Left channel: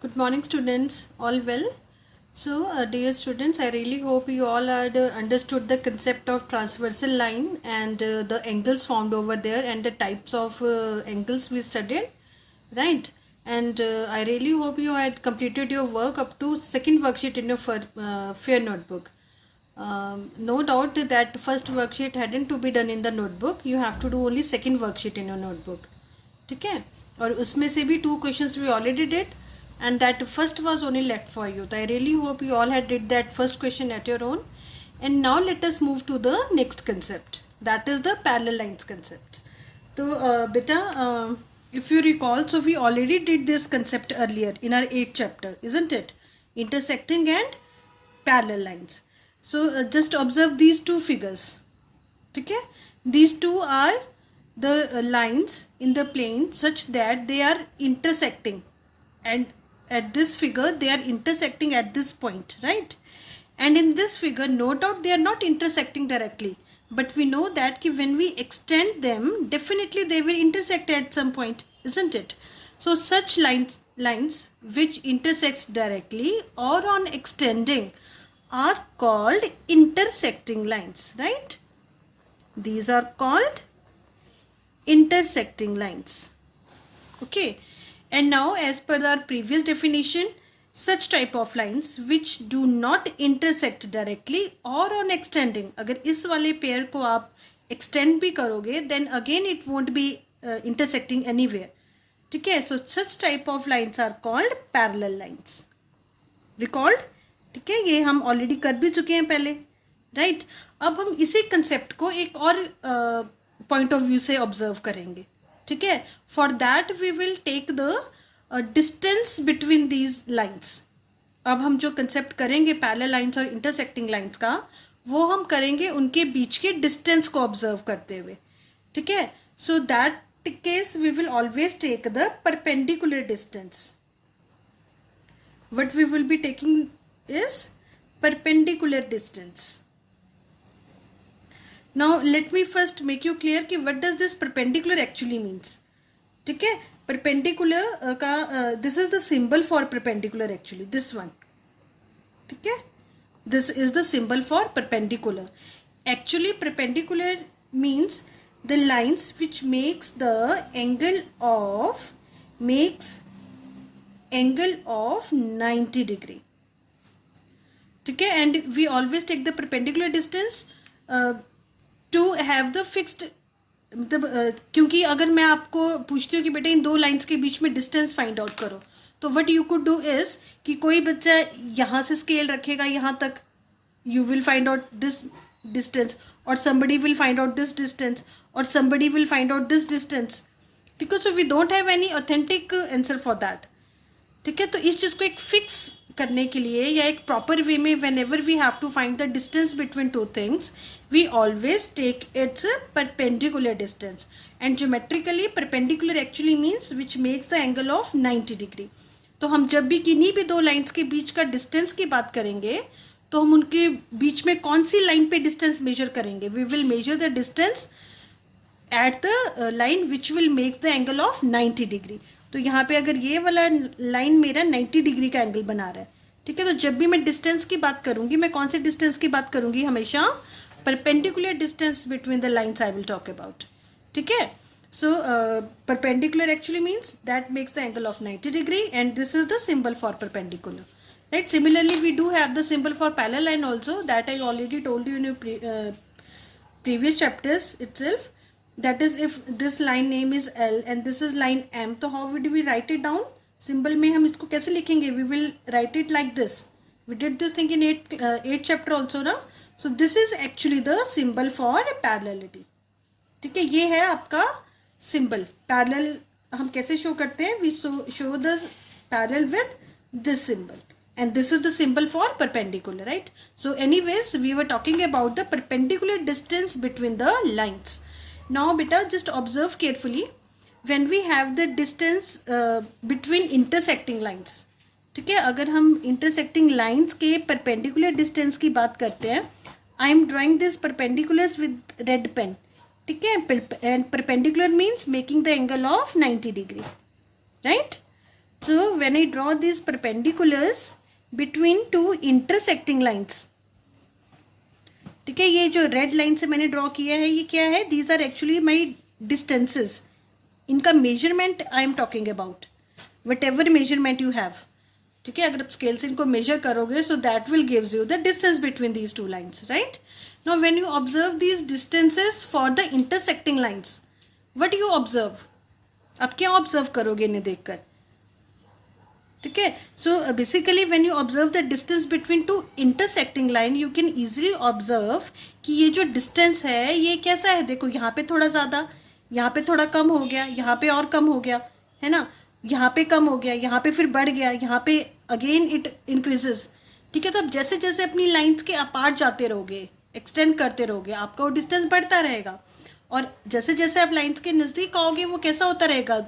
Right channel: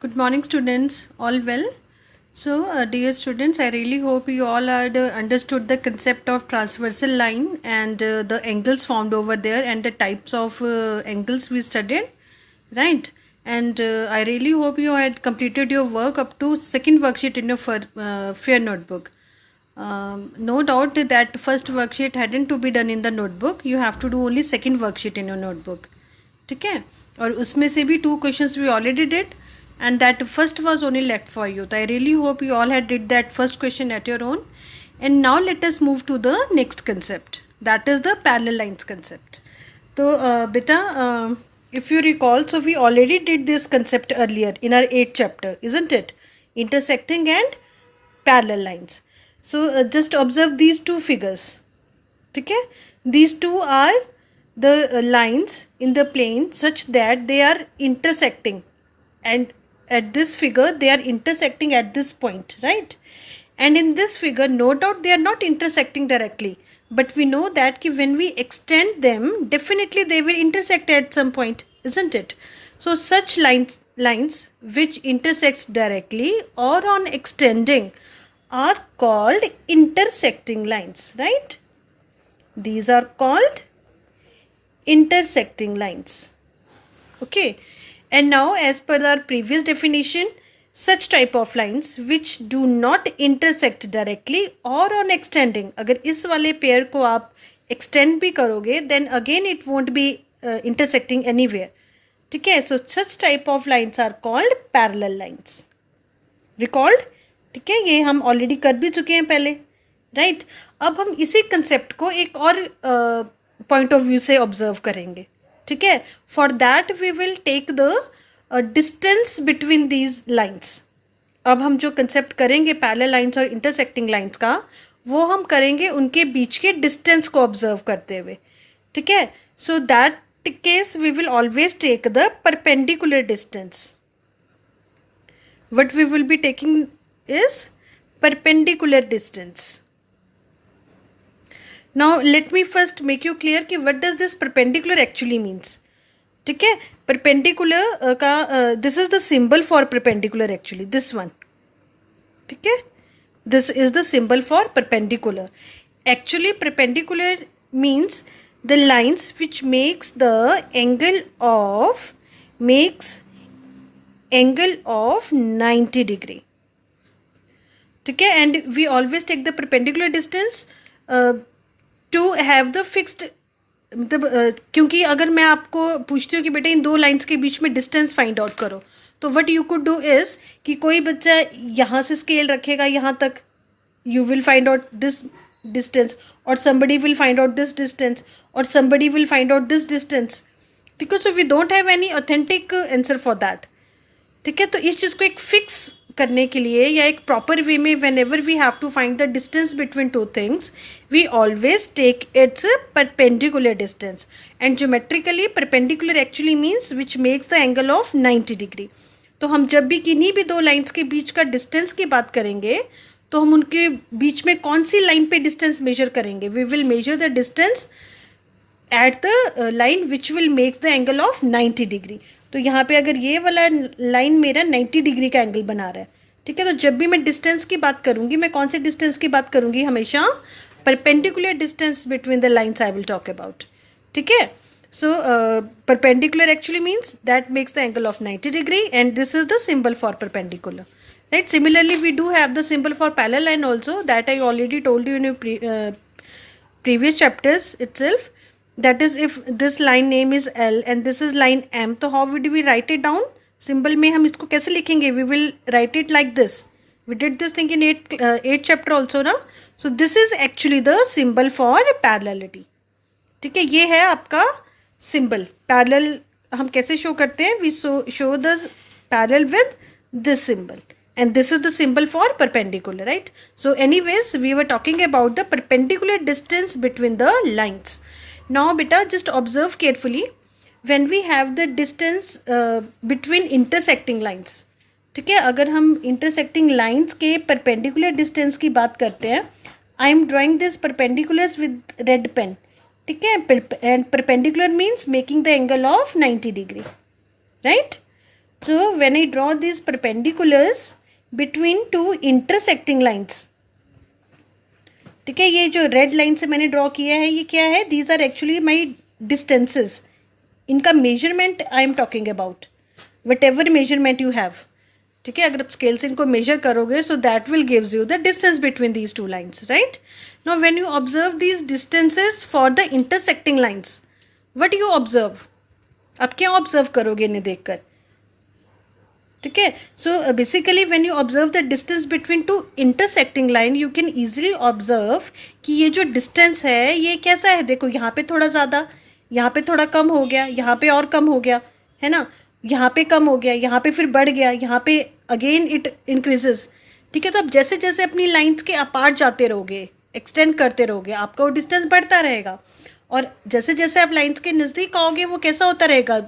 Good morning, students. All well? Dear students, I really hope you all had understood the concept of transversal line and the angles formed over there and the types of angles we studied, right? And I really hope you had completed your work up to second worksheet in your fair notebook. No doubt that first worksheet hadn't to be done in the notebook. You have to do only second worksheet in your notebook. ठीक है, और उसमें से भी 2 questions we already did and that first was only left for you. So I really hope you all had did that first question at your own. And now let us move to the next concept, that is the parallel lines concept. So beta, if you recall, so we already did this concept earlier in our 8th chapter, isn't it? Intersecting and parallel lines. So just observe these two figures. Okay, these two are the lines in the plane such that they are intersecting, and at this figure they are intersecting at this point, right? And in this figure, no doubt they are not intersecting directly, but we know that when we extend them, definitely they will intersect at some point, isn't it? So such lines which intersects directly or on extending are called intersecting lines, right? These are called intersecting lines. Okay, and now as per our previous definition, such type of lines which do not intersect directly or on extending, अगर इस वाले pair को आप extend भी करोगे, then again it won't be intersecting anywhere. ठीक है, so such type of lines are called parallel lines. Recalled? ठीक है, ये हम ऑलरेडी कर भी चुके हैं पहले, राइट? अब हम इसी कंसेप्ट को एक और पॉइंट ऑफ व्यू से ऑब्जर्व करेंगे. ठीक है, for that we will take the distance between these lines. अब हम जो कंसेप्ट करेंगे पैरेलल लाइन्स और इंटरसेक्टिंग लाइन्स का, वो हम करेंगे उनके बीच के डिस्टेंस को ऑब्जर्व करते हुए. ठीक है, so that case we will always take the perpendicular distance. What we will be taking is perpendicular distance. Now let me first make you clear कि what does this perpendicular actually means. ठीक है, perpendicular का this is the symbol for perpendicular actually, this one. ठीक है, this is the symbol for perpendicular. Actually perpendicular means the lines which makes the angle of 90 degree. ठीक है, and we always take the perpendicular distance to have the fixed, मतलब क्योंकि अगर मैं आपको पूछती हूँ कि बेटा इन दो लाइंस के बीच में डिस्टेंस फाइंड आउट करो, तो what you could do is कि कोई बच्चा यहाँ से स्केल रखेगा यहाँ तक, you will find out this distance, और somebody will find out this distance, or somebody will find out this distance. ठीक है, so we don't have any authentic answer for that. ठीक है, तो इस चीज़ को एक फिक्स करने के लिए या एक प्रॉपर वे में whenever we have to find the distance between two things, we always take its perpendicular distance. And geometrically perpendicular actually means which makes the angle of 90 degree. तो हम जब भी किन्हीं भी दो लाइन्स के बीच का डिस्टेंस की बात करेंगे, तो हम उनके बीच में कौन सी लाइन पे डिस्टेंस मेजर करेंगे? We will measure the distance at the line which will make the angle of 90 degree. तो यहाँ पे अगर ये वाला लाइन मेरा 90 डिग्री का एंगल बना रहा है, ठीक है, तो जब भी मैं डिस्टेंस की बात करूँगी, मैं कौन से डिस्टेंस की बात करूँगी? हमेशा perpendicular distance between the lines I will talk about. ठीक है, so perpendicular actually means that makes the angle of 90 degree and this is the symbol for perpendicular, right? Similarly we do have the symbol for parallel line also, that I already told you in your previous chapters itself. That is, if this line name is L and this is line M, तो how would we write it down? Symbol में हम इसको कैसे लिखेंगे? We will write it like this. We did this thing in 8th chapter also ना. So this is actually the symbol for parallelity. ठीक है, ये है आपका symbol. Parallel हम कैसे show करते हैं? We show the parallel with this symbol. And this is the symbol for perpendicular, right? So anyways, we were talking about the perpendicular distance between the lines. Now beta, just observe carefully when we have the distance between intersecting lines. ठीक है, अगर हम intersecting lines के perpendicular distance की बात करते हैं, I am drawing this perpendiculars with red pen. ठीक है, and perpendicular means making the angle of 90 degree, right? So when I draw these perpendiculars between two intersecting lines, ठीक है, ये जो रेड लाइन से मैंने ड्रॉ किया है ये क्या है, these are actually my distances, इनका measurement I am talking about, whatever measurement you have, ठीक है, अगर आप स्केल से इनको मेजर करोगे so that will gives you the distance between these two lines, right. Now when you observe these distances for the intersecting lines, what you observe, आप क्या observe करोगे इन्हें देखकर, ठीक है। So basically when you observe the distance between to intersecting line, you can easily observe कि ये जो डिस्टेंस है ये कैसा है, देखो यहाँ पे थोड़ा ज़्यादा, यहाँ पे थोड़ा कम हो गया, यहाँ पे और कम हो गया, है ना, यहाँ पे कम हो गया, यहाँ पे फिर बढ़ गया, यहाँ पे अगेन इट इंक्रीजेस, ठीक है। तो आप जैसे जैसे अपनी लाइन्स के अपार्ट जाते रहोगे, एक्सटेंड करते रहोगे, आपका वो डिस्टेंस बढ़ता रहेगा, और जैसे जैसे आप लाइन्स के नज़दीक आओगे वो कैसा होता रहेगा,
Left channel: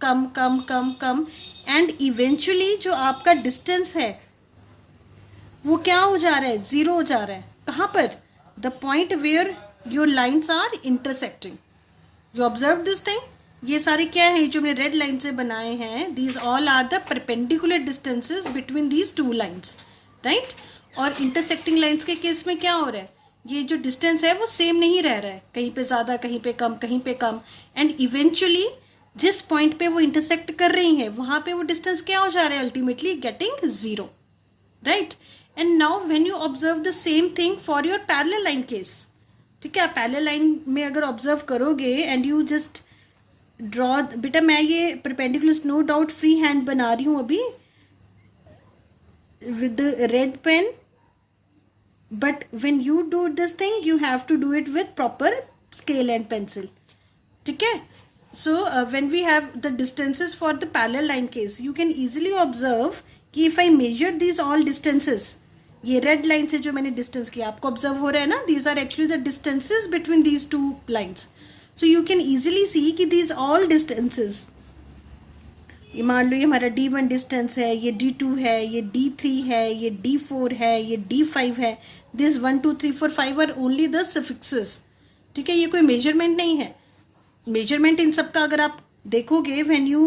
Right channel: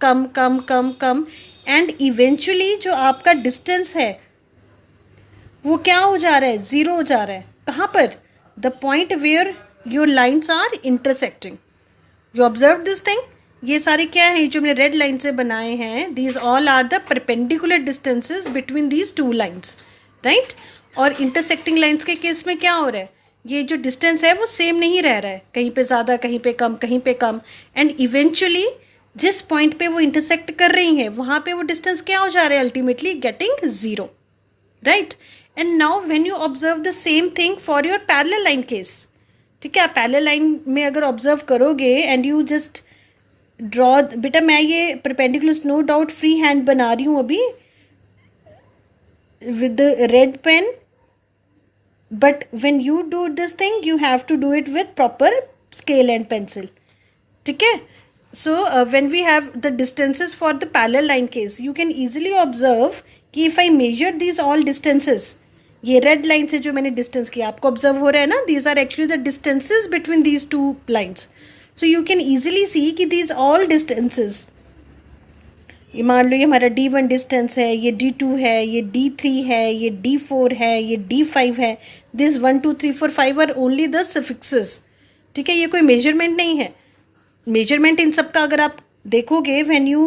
कम कम कम कम, एंड इवेंचुअली जो आपका डिस्टेंस है वो क्या हो जा रहा है, ज़ीरो हो जा रहा है। कहाँ पर, the point where your lines are intersecting, you observe this thing, ये सारे क्या है जो मैंने रेड लाइन से बनाए हैं, these all are the perpendicular distances between these two lines, right. और इंटरसेक्टिंग लाइन्स के केस में क्या हो रहा है, ये जो डिस्टेंस है वो सेम नहीं रह रहा है, कहीं पे ज़्यादा कहीं पे कम कहीं पे कम, एंड इवेंचुअली जिस पॉइंट पे वो इंटरसेक्ट कर रही हैं वहाँ पे वो डिस्टेंस क्या हो जा रहा है, ultimately getting zero, right. And now when you observe the same thing for your parallel line case, ठीक है, आप पैरेलल लाइन में अगर ऑब्जर्व करोगे एंड यू जस्ट ड्रॉ, बेटा मैं ये perpendiculars no doubt free hand बना रही हूँ अभी with red pen, but when you do this thing you have to do it with proper scale and pencil, ठीक है। So when we have the distances for the parallel line case, you can easily observe कि if I measure these all distances, ये red line से जो मैंने distance किया आपको observe हो रहा है ना, these are actually the distances between these two lines. So you can easily see कि these all distances, ये मान लो ये हमारा D1 डिस्टेंस है, ये D2 है, ये D3 है, ये D4 है, ये D5 है, this 1 2 3 4 5 are only the suffixes, ठीक है, ये कोई मेजरमेंट नहीं है। मेजरमेंट इन सब का अगर आप देखोगे, when you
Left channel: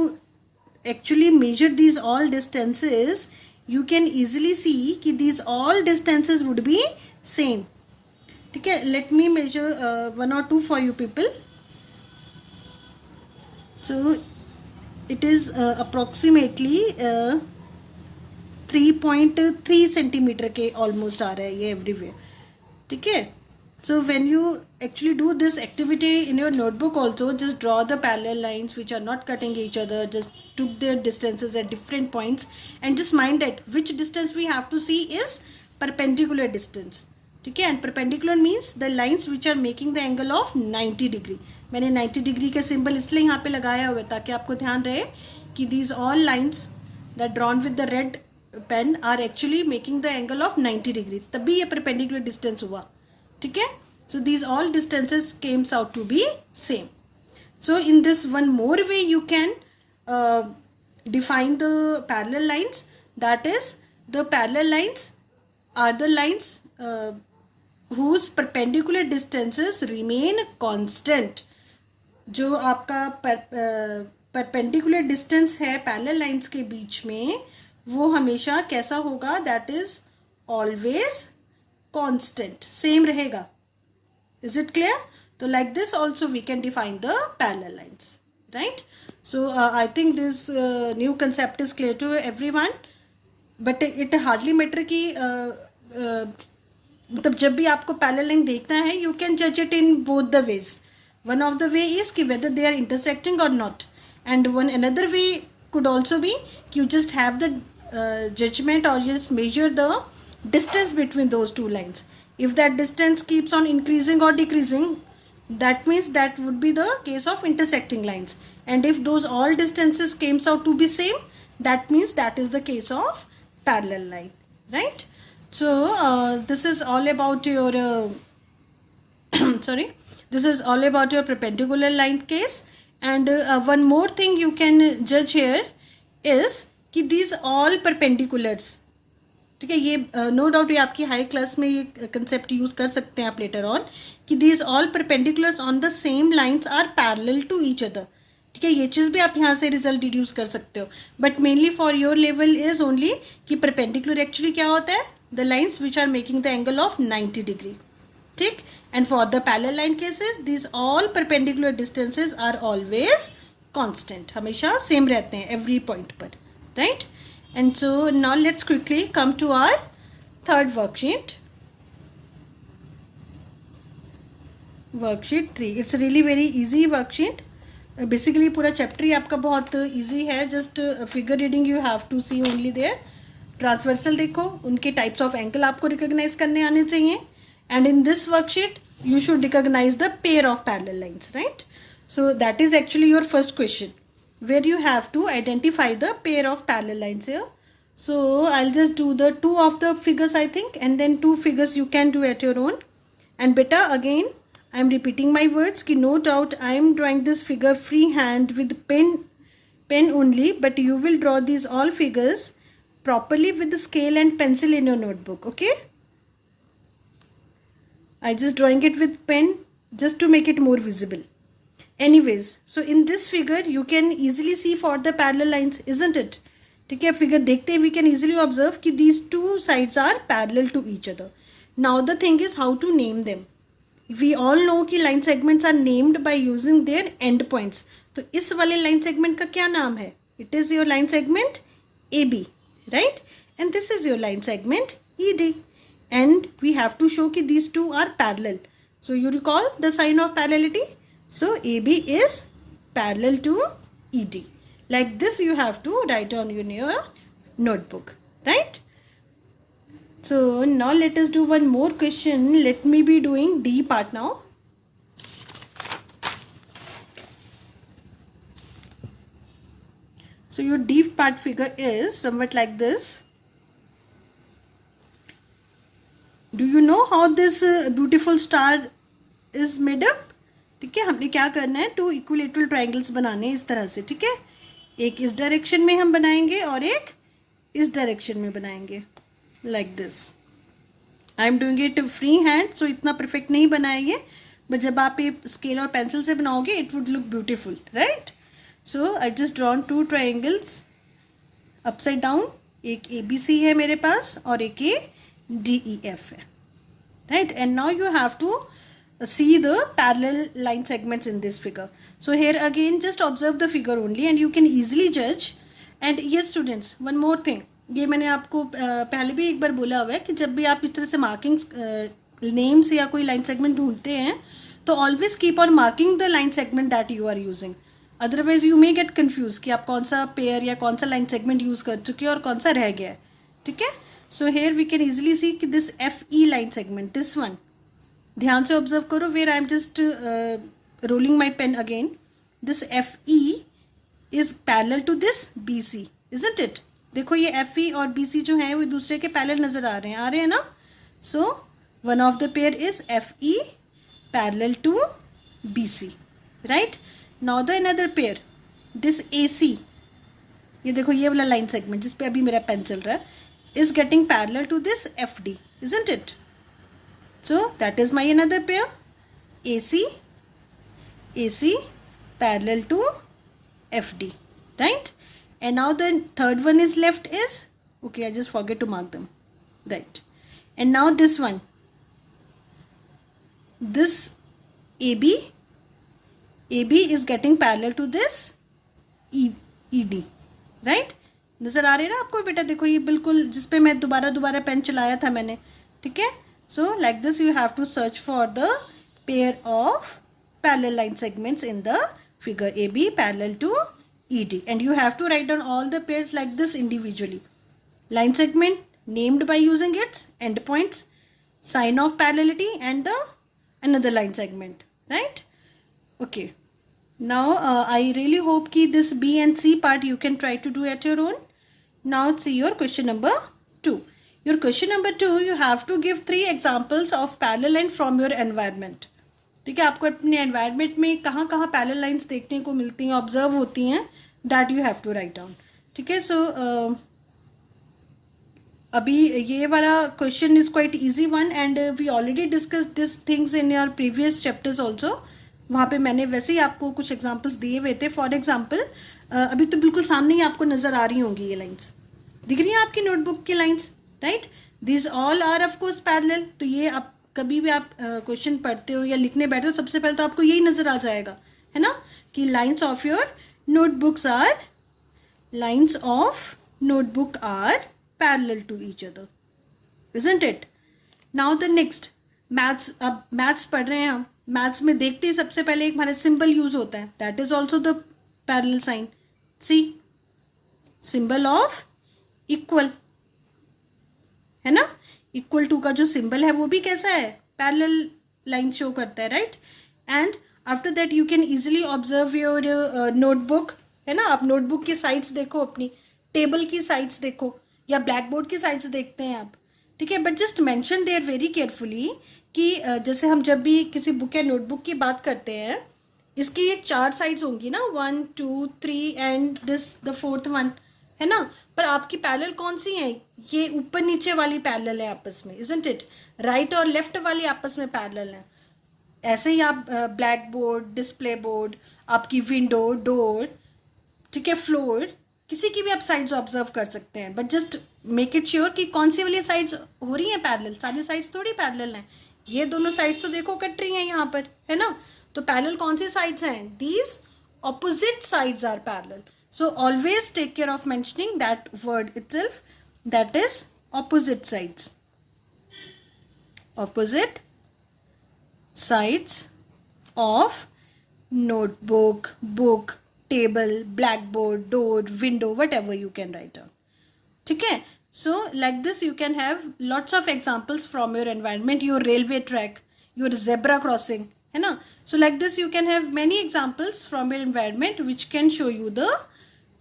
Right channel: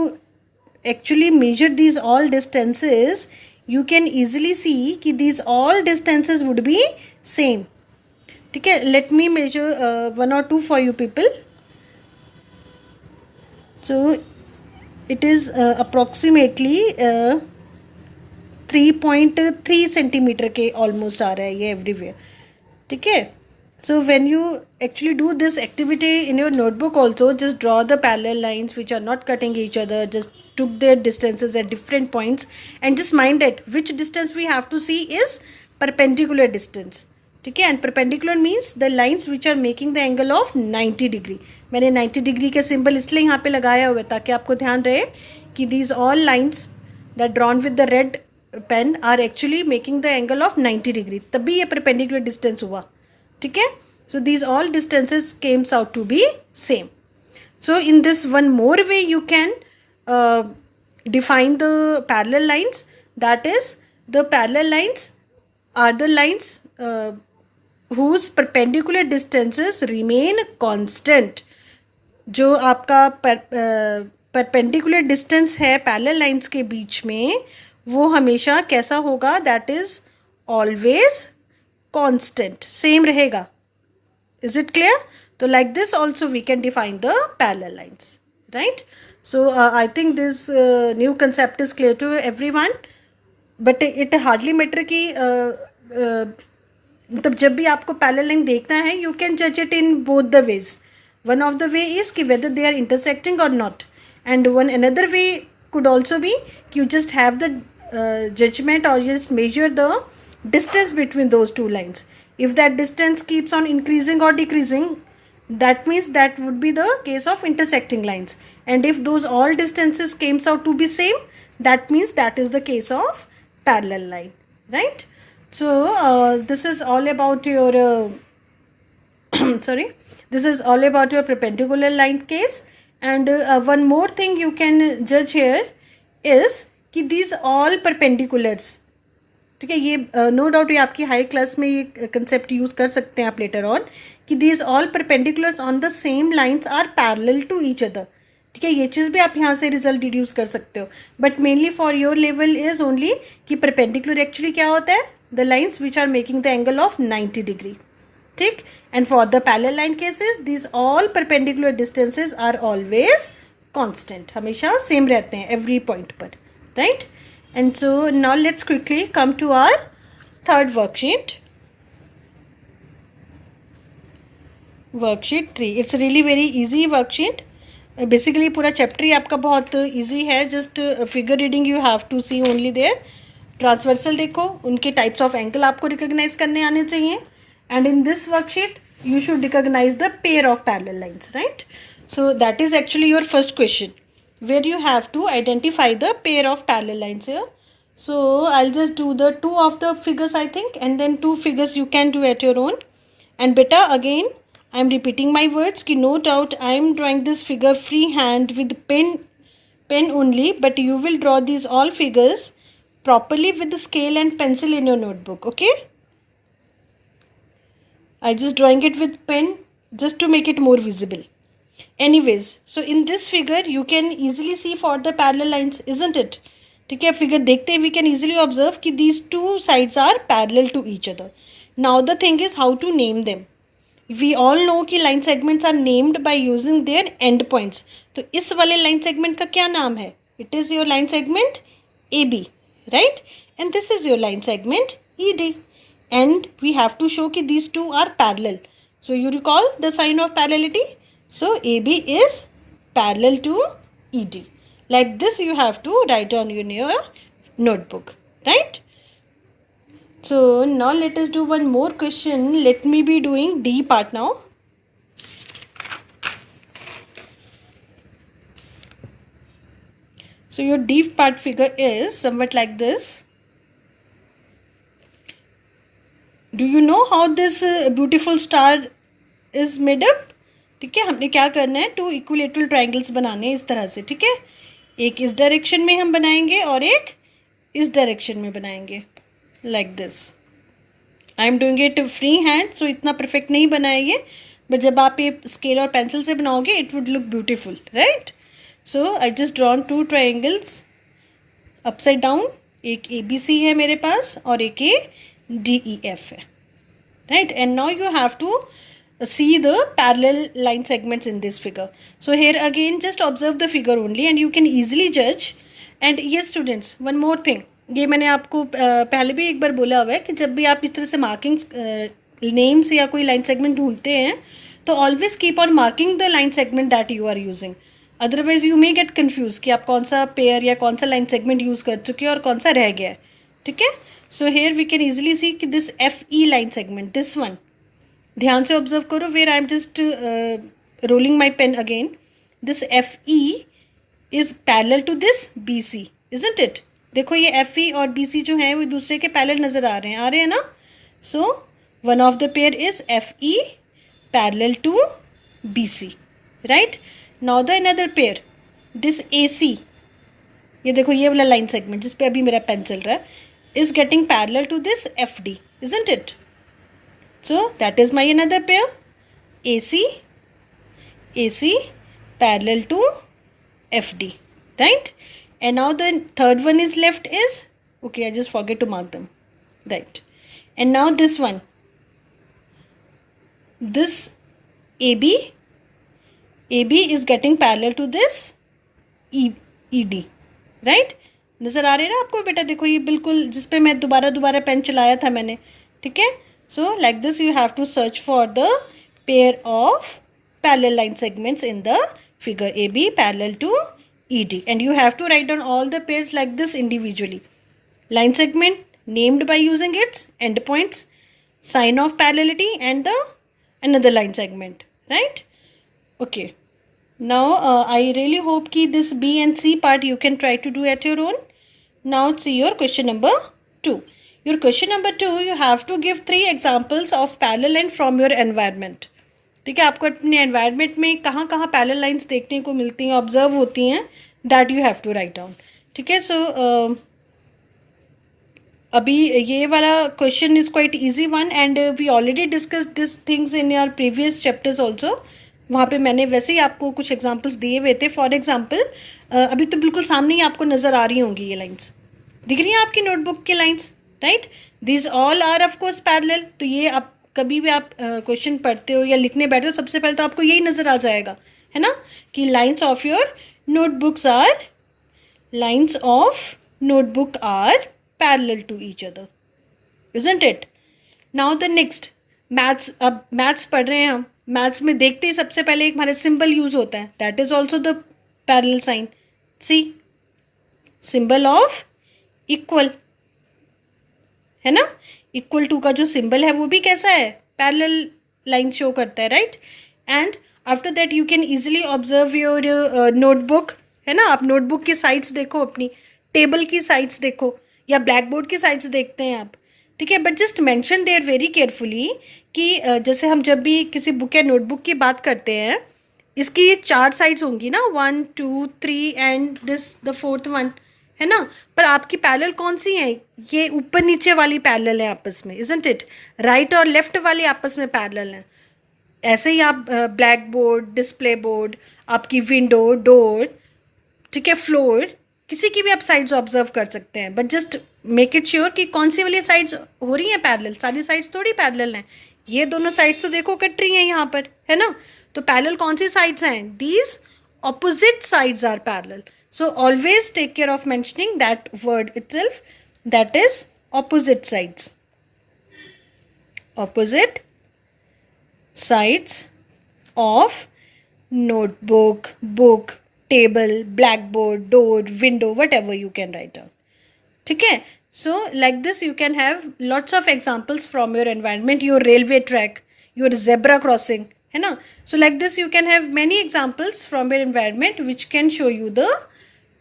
actually measure these all distances, you can easily see कि these all distances would be same, ठीक है। Let me measure 1 or 2 for you people. So it is approximately 3.3 centimetre के ऑलमोस्ट आ रहा है ये एवरीवेयर, ठीक है। So when you actually do this activity in your notebook also, just draw the parallel lines which are not cutting each other, just took their distances at different points, and just mind that which distance we have to see is perpendicular distance, ठीक है। and perpendicular means the lines which are making the angle of 90 degree। मैंने 90 degree का symbol इसलिए यहाँ पे लगाया हुआ है ताकि आपको ध्यान रहे कि these all lines that drawn with the red pen are actually making the angle of 90 degree, तभी ये perpendicular distance हुआ, ठीक है। so these all distances came out to be same। so in this one more way you can define the parallel lines, that is the parallel lines are the lines whose perpendicular distances remain constant। जो आपका perpendicular distance है parallel lines के बीच में वो हमेशा कैसा होगा, that is always constant, same रहेगा। is it clear? So like this also we can define the parallel lines, right? so I think this new concept is clear to everyone, but it hardly matter कि मतलब जब भी आपको parallel line देखना है you can judge it in both the ways। one of the way is कि whether they are intersecting or not, and one another way could also be you just have the judgment or just measure the distance between those two lines। if that distance keeps on increasing or decreasing, that means that would be the case of intersecting lines, and if those all distances came out to be same, that means that is the case of parallel line, right? so this is all about your sorry, this is all about your perpendicular line case। and one more thing you can judge here is कि these all perpendiculars, ठीक है, ये no doubt ये आपकी high class में ये concept use कर सकते हैं आप लेटर ऑन कि these all perpendiculars on the same lines are parallel to each other. ठीक है, ये चीज़ भी आप यहाँ से रिजल्ट डिड्यूस कर सकते हो, but mainly for your level is only कि परपेंडिकुलर एक्चुअली क्या होता है, the lines which are making the angle of 90 degree. ठीक. And for the parallel line cases this all perpendicular distances are always constant, हमेशा same रहते हैं every point पर, right. And so now let's quickly come to our third worksheet. Worksheet 3. It's really very easy worksheet. Basically पूरा chapter ही आपका बहुत easy है, just figure reading you have to see only there. Transversal देखो, उनके types of angle आपको recognise करने आने चाहिए. And in this worksheet you should recognize the pair of parallel lines, right? So that is actually your first question, where you have to identify the pair of parallel lines here. So I'll just do the two of the figures I think, and then two figures you can do at your own. And beta, again I'm repeating my words ki no doubt I am drawing this figure freehand with pen only, but you will draw these all figures properly with the scale and pencil in your notebook, okay? I just drawing it with pen just to make it more visible. Anyways, so in this figure you can easily see for the parallel lines, isn't it? ठीक है, figure देखते ही we can easily observe कि these two sides are parallel to each other. Now the thing is how to name them. We all know कि line segments are named by using their end points. तो इस वाले line segment का क्या नाम है? It is your line segment AB, right? And this is your line segment ED. And we have to show कि these two are parallel. So you recall the sign of parallelity. So AB is parallel to ED. Like this you have to write down in your notebook, right? So now let us do one more question. Let me be doing D part now. So your D part figure is somewhat like this. Do you know how this beautiful star is made up? ठीक है, हमने क्या करना है, to equilateral triangles बनाने हैं इस तरह से. ठीक है, एक इस डायरेक्शन में हम बनाएंगे और एक इस डायरेक्शन में बनाएंगे, like this. I am doing it free hand, so इतना परफेक्ट नहीं बनाएंगे, बट जब आप ये स्केल और पेंसिल से बनाओगे it would look beautiful, right. So I just drawn two triangles upside down. एक ABC है मेरे पास और एक DEF है, right? And now you have to see the parallel line segments in this figure. So here again just observe the figure only and you can easily judge. And yes students, one more thing, ये मैंने आपको पहले भी एक बार बोला हुआ है कि जब भी आप इस तरह से मार्किंग्स नेम्स या कोई लाइन सेगमेंट ढूंढते हैं तो always keep on marking the line segment that you are using, otherwise you may get confuse कि आप कौन सा पेयर या कौन सा लाइन सेगमेंट यूज़ कर चुके हैं और कौन सा रह गया है. ठीक है, so here we can easily see कि this FE line segment, this one, ध्यान से ऑब्जर्व करो, where I am just rolling my pen again. This FE is parallel to this BC, isn't it? देखो ये FE और BC जो है वो दूसरे के पैरेलल नज़र आ रहे हैं ना. So one of the pair is FE parallel to BC, right. Now the another pair, this AC, ये देखो ये वाला लाइन सेगमेंट जिस पे अभी मेरा पेन चल रहा है, is getting parallel to this FD, isn't it? So that is my another pair, AC parallel to FD, right? And now the third one is left is, okay, I just forget to mark them, right? And now this one, this AB is getting parallel to this ED, right? नज़र आ रही है ना आपको बेटा, देखो ये बिल्कुल जिस पे मैं दोबारा पेन चलाया था मैंने. ठीक है, so like this you have to search for the pair of parallel line segments in the figure AB parallel to ED, and you have to write down all the pairs like this individually. Line segment named by using its end points, sign of parallelity and the another line segment, right? Okay, now I really hope ki this B and C part you can try to do at your own. Now see your question number 2. Your question number 2, you have to give 3 examples of parallel line from your environment. ठीक है, आपको अपने environment में कहाँ कहाँ parallel lines देखने को मिलती हैं, ऑब्जर्व होती हैं, that you have to write down. ठीक है, सो अभी ये वाला question is quite easy one and we already discuss this things in your previous chapters also. वहाँ पे मैंने वैसे ही आपको कुछ एग्जांपल्स दिए हुए थे. फॉर एग्जांपल अभी तो बिल्कुल सामने ही आपको नज़र आ रही होंगी ये लाइंस. दिख रही हैं आपकी नोटबुक की lines, right. This all are of course parallel. तो ये आप कभी भी आप क्वेश्चन पढ़ते हो या लिखने बैठे हो, सबसे पहले तो आपको यही नज़र आ जाएगा, है ना, कि lines of your notebooks are lines of notebook are parallel to each other, isn't it? Now the next maths. अब maths पढ़ रहे हैं हम. maths में देखते ही सबसे पहले एक हमारे symbol यूज होता है, that is also the parallel sign. See, symbol of equal, है ना. equal to का जो symbol है वो भी कैसा है, parallel line show करता है, right? And after that you can easily observe your notebook, है ना. आप नोटबुक की साइड्स देखो, अपनी टेबल की साइड्स देखो, या ब्लैक बोर्ड की साइड्स देखते हैं आप, ठीक है. But just mention there very carefully कि जैसे हम जब भी किसी बुक या नोटबुक की बात करते हैं, इसकी 4 साइड्स होंगी ना, 1 2 3 and this the 4th one, है ना. पर आपकी पैरेलल कौन सी है, ये ऊपर नीचे वाली पैरेलल है आपस में, इजंट इट. राइट और लेफ्ट वाली आपस में पैरेलल है. ऐसे ही आप ब्लैक बोर्ड, डिस्प्ले बोर्ड, आपकी विंडो, डोर, ठीक है, फ्लोर, किसी की भी आप साइड्स ऑब्जर्व कर सकते हैं. But just make it sure कि कौन सी वाली साइड्स हो रही हैं पैरेलल. सारी साइड्स थोड़ी पैरेलल हैं. ये दोनों साइड्स तो देखो कट रही हैं यहाँ पर, है ना. तो पैरेलल कौन सी साइड्स हैं, these opposite sides are parallel. So always take care of mentioning that word itself, that is opposite sides. Opposite sides of notebook, book, table, blackboard, door, window, whatever you can write down. ठीक है. So like this you can have lots of examples from your environment, your railway track, your zebra crossing, है ना. So like this you can have many examples from your environment which can show you the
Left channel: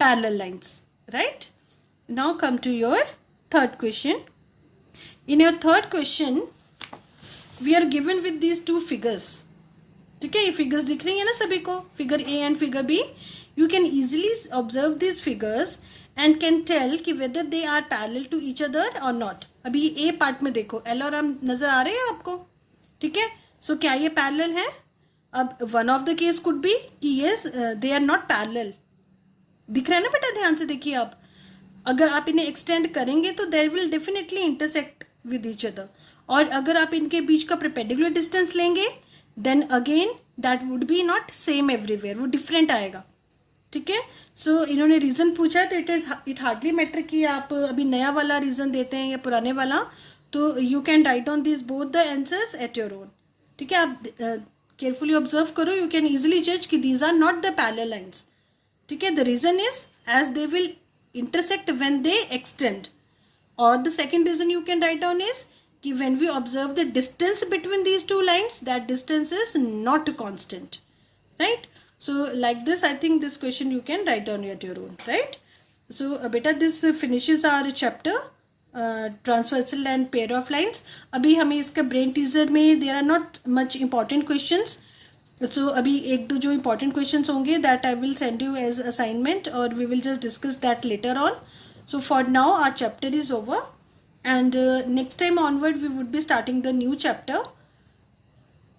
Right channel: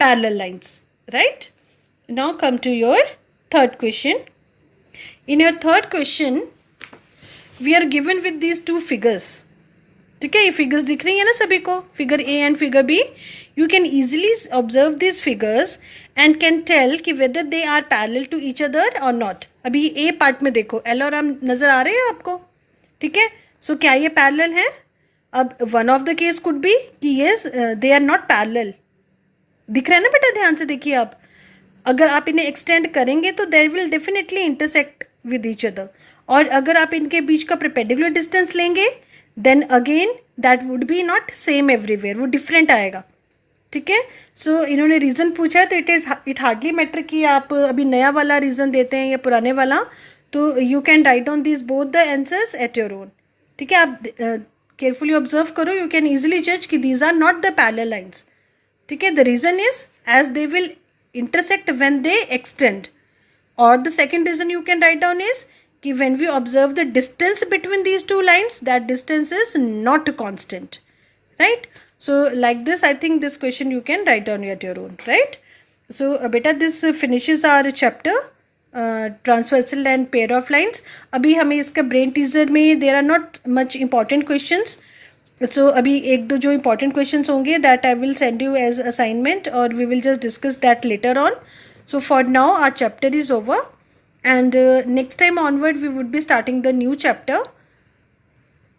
parallel lines, right? Now come to your third question. In your third question we are given with these 2 figures. ठीक है, ये figures दिख रही है ना सभी को, figure A and figure B. You can easily observe this figures and can tell कि whether they are parallel to each other और नॉट. अभी ए पार्ट में देखो, एल और एम नजर आ रहे हैं आपको, ठीक है. सो क्या ये पैरेलल है. अब one of the case could be कि yes they are not parallel. दिख रहा है ना बेटा, ध्यान से देखिए आप. अगर आप इन्हें एक्सटेंड करेंगे तो there will definitely intersect with each other. और अगर आप इनके बीच का परपेंडिकुलर डिस्टेंस लेंगे then again that would be not same everywhere, वो डिफरेंट आएगा, ठीक है. सो इन्होंने रीज़न पूछा तो इट हार्डली मैटर कि आप अभी नया वाला रीज़न देते हैं या पुराने वाला. तो you can write down this both the answers at your own, ठीक है. आप केयरफुली ऑब्जर्व करो, यू कैन ईजिली जज कि these are not the parallel lines, ठीक है. The reason is as they will intersect when they extend. Or the second reason you can write down is कि when we observe the distance between these 2 lines, that distance is not constant, right? So like this I think this question you can write down at your own, right? So beta this finishes our chapter transversal and pair of lines. अभी हमें इसका brain teaser में there are not much important questions. So अभी 1-2 जो important questions होंगे that I will send you as assignment or we will just discuss that later on. So for now our chapter is over and next time onward we would be starting the new chapter.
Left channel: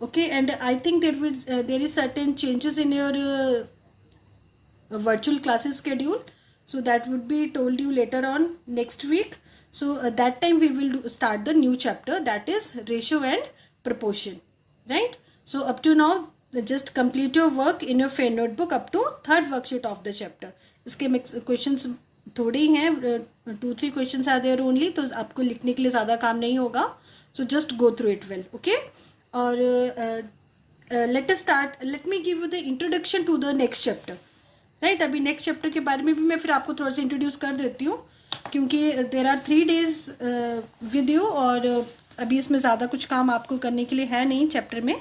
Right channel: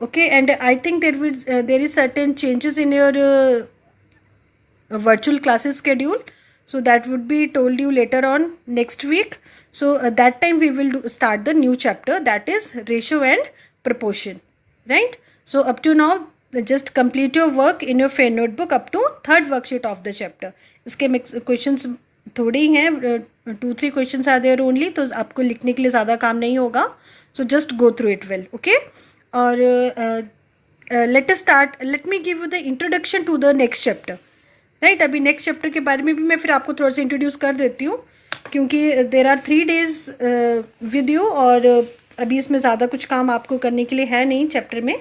Okay, and I think there is certain changes in your virtual classes schedule. So that would be told you later on next week. So that time we will start the new chapter, that is ratio and proportion, right? So up to now just complete your work in your fair notebook up to 3rd worksheet of the chapter. इसके questions थोड़े ही हैं, 2-3 questions are there only, तो आपको लिखने के लिए ज़्यादा काम नहीं होगा. So just go through it well, okay? और let us start. Let me give you the introduction to the next chapter, right? अभी next chapter के बारे में भी मैं फिर आपको थोड़ा सा introduce कर देती हूँ क्योंकि there are 3 days with you और अभी इसमें ज़्यादा कुछ काम आपको करने के लिए है नहीं चैप्टर में,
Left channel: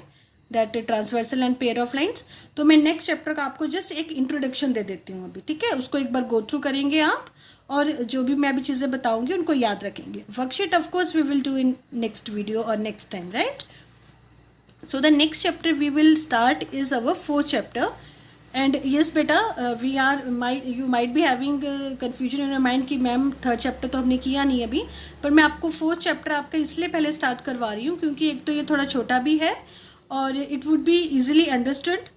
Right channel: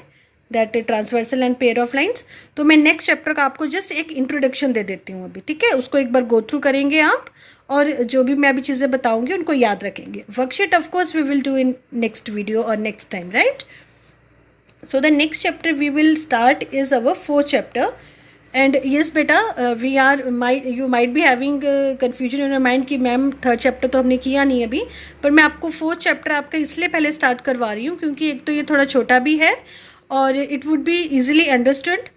that transversal and pair of lines. तो मैं नेक्स्ट चैप्टर का आपको जस्ट एक इंट्रोडक्शन दे देती हूँ अभी, ठीक है. उसको एक बार गो थ्रू करेंगे आप और जो भी मैं अभी चीज़ें बताऊँगी उनको याद रखेंगे. Worksheet of course we will do in next video और next time, right. So the next chapter we will start is our 4th chapter. And yes बेटा, we are you might be having confusion in your mind कि ma'am 3rd chapter तो हमने किया नहीं अभी, पर मैं आपको 4th चैप्टर आपका इसलिए पहले स्टार्ट करवा रही हूँ क्योंकि एक तो ये थोड़ा छोटा भी है और it would be easily understood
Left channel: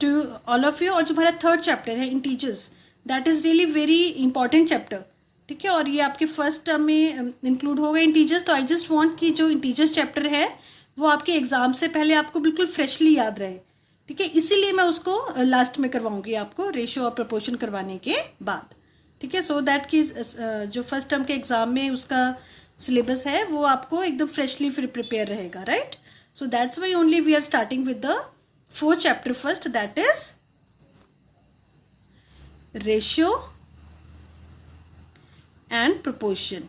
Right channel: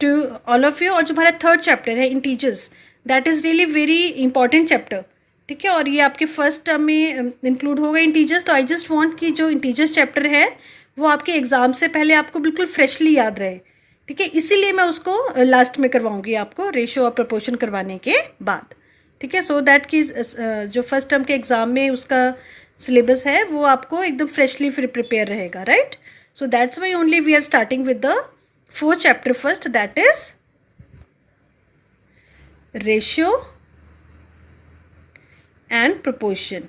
to all of you. और जो हमारा थर्ड चैप्टर है integers, that is really very important chapter, ठीक है। और ये आपके फर्स्ट टर्म में इंक्लूड होगा इंटीजर्स। तो आई जस्ट वांट कि जो इंटीजर्स चैप्टर है वो आपके एग्जाम से पहले आपको बिल्कुल फ्रेशली याद रहे, ठीक है। इसीलिए मैं उसको लास्ट में करवाऊंगी आपको, रेशियो और प्रपोर्शन करवाने के बाद, ठीक है। सो दैट कि जो फर्स्ट टर्म के एग्जाम में उसका सिलेबस है वो आपको एकदम फ्रेशली फिर प्रिपेयर रहेगा, right. So that's why only we are starting with the fourth chapter first, that is ratio and proportion।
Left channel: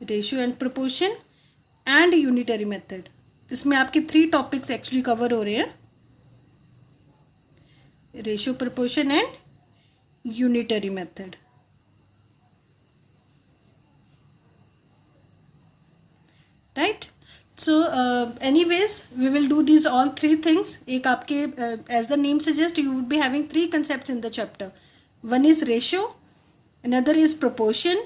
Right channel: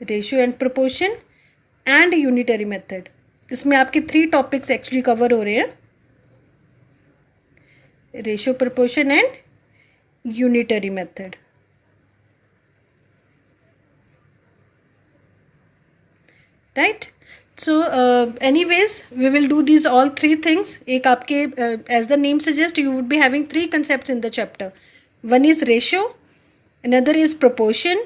Ratio and proportion and unitary method, इसमें आपके 3 टॉपिक्स एक्चुअली कवर हो रहे हैं, ratio, proportion and unitary method, right. So anyways we will do these all 3 things. एक आपके as the name suggest you would be having 3 concepts in the chapter. One is ratio, another is proportion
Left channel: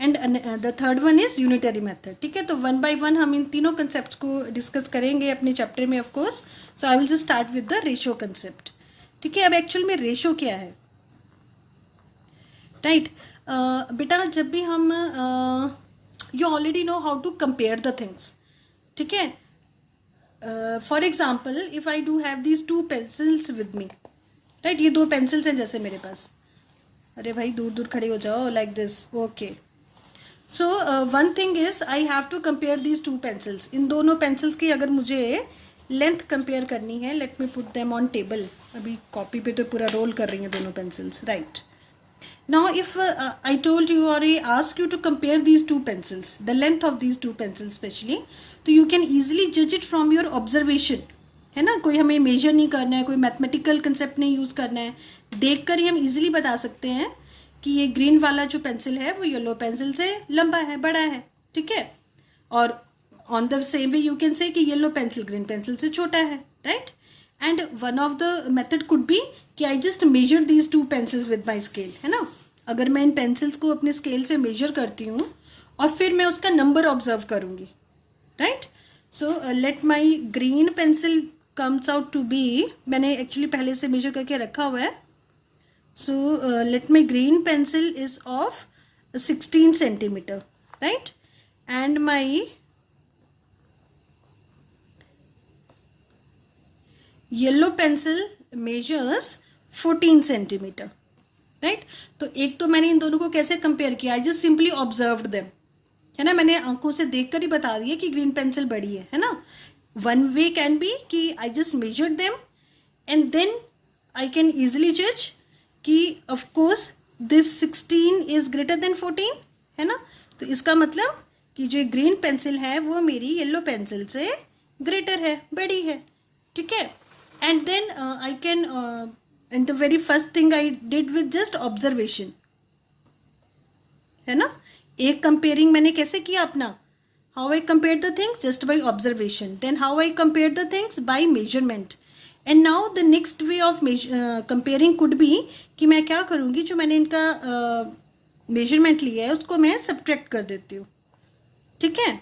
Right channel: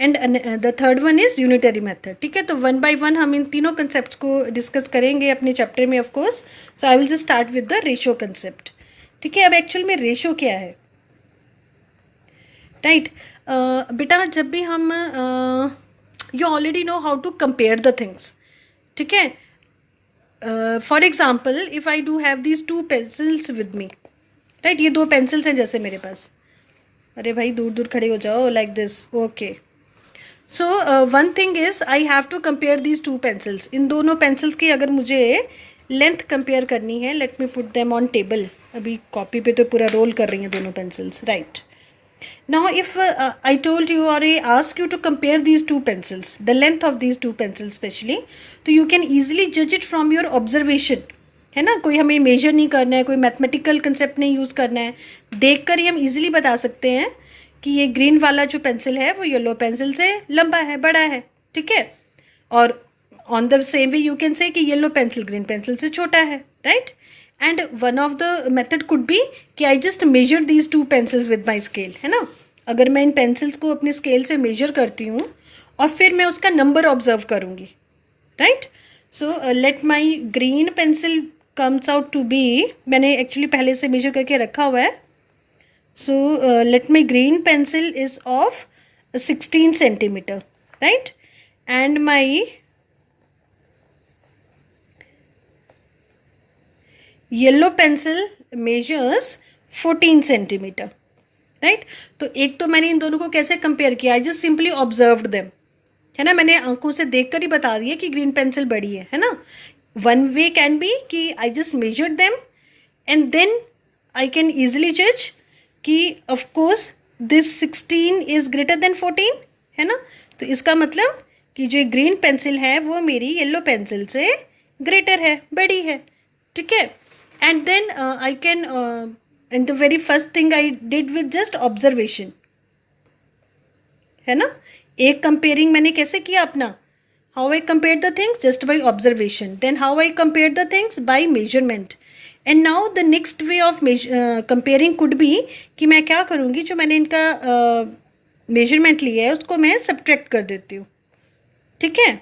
and the third one is unitary method, ठीक है। तो 1 by 1 हम इन तीनों concept को discuss करेंगे अपने चैप्टर में, of course. So I will just start with the ratio concept, ठीक है। अब एक्चुअल में रेशियो क्या है, राइट। बेटा जब भी हम you already know how to compare the things, ठीक है। For example if I do have these 2 pencils विद मी, राइट। ये 2 पेंसिल्स हैं जैसे मेरे पास, अरे भाई दूर दूर खड़े हो जाओ, like this, okay. So one thing is I have to compare these 2 pencils। इन दोनों पेंसिल्स की अगर मुझे लेंथ कंपेयर करनी है, let me put them on table. अभी कॉपी पे तो पूरा रोल कर रही हैं दोनों pencils, right. Now if I told you or I ask you to compare these 2 pencils, the length of these 2 pencils especially, तो you can easily judge it from your observation, है ना। कोई हमें मेजर नहीं करना है, कोई मैथमेटिकल कंसेप्ट नहीं यूज़ करना है, देख कर ही हम इजीली बता सकते हैं कि ये ग्रीन वाला जो पेंसिल है वो येलो पेंसिल से लंबा है, बड़ा है, ठीक है। और on the same way you can say कि येलो पेंसिल ग्रीन पेंसिल से छोटा है, right. And one of the method could be कि I just measure these 2 pencils with my scale, है ना। अगर मैं इन पेंसिल्स को अपने स्केल से मेजर करती हूँ और फिर मैं उसका नंबर ऑब्जर्व करूँगी, right. So let my green pencil comes out to be, मैंने एक्चुअली पहले से मेजर करके रखा हुआ है। So let my green pencil is of 16 centimeter, right. And my yellow pencil measures 14 centimeter, right. तो एक तो मैंने इन दोनों को कैसे कंपेयर किया, I just simply observed them, है ना। मैंने आंखों से देखकर ही बता दिया कि ग्रीन पेंसिल बड़ी है ना। वन वे कैन बी कि I just measured them and then I can easily जज कि of course this 16 is greater than 14, है ना। तो इसका मतलब कि जो ग्रीन पेंसिल है वो मेरी येलो पेंसिल से ग्रेटर है, बड़ी है, ठीक है। And then I can and the very first thing I did with just observation, है ना। एक कंपेयरिंग मैंने कैसे किया अपना, how I compare the things just by observation, then how I compare the things by measurement. And now the next way of comparing could be कि मैं क्या करूँगी, जो मैंने इनका मेजरमेंट लिया है उसको मैं सब्ट्रैक्ट कर देती हूँ, ठीक है।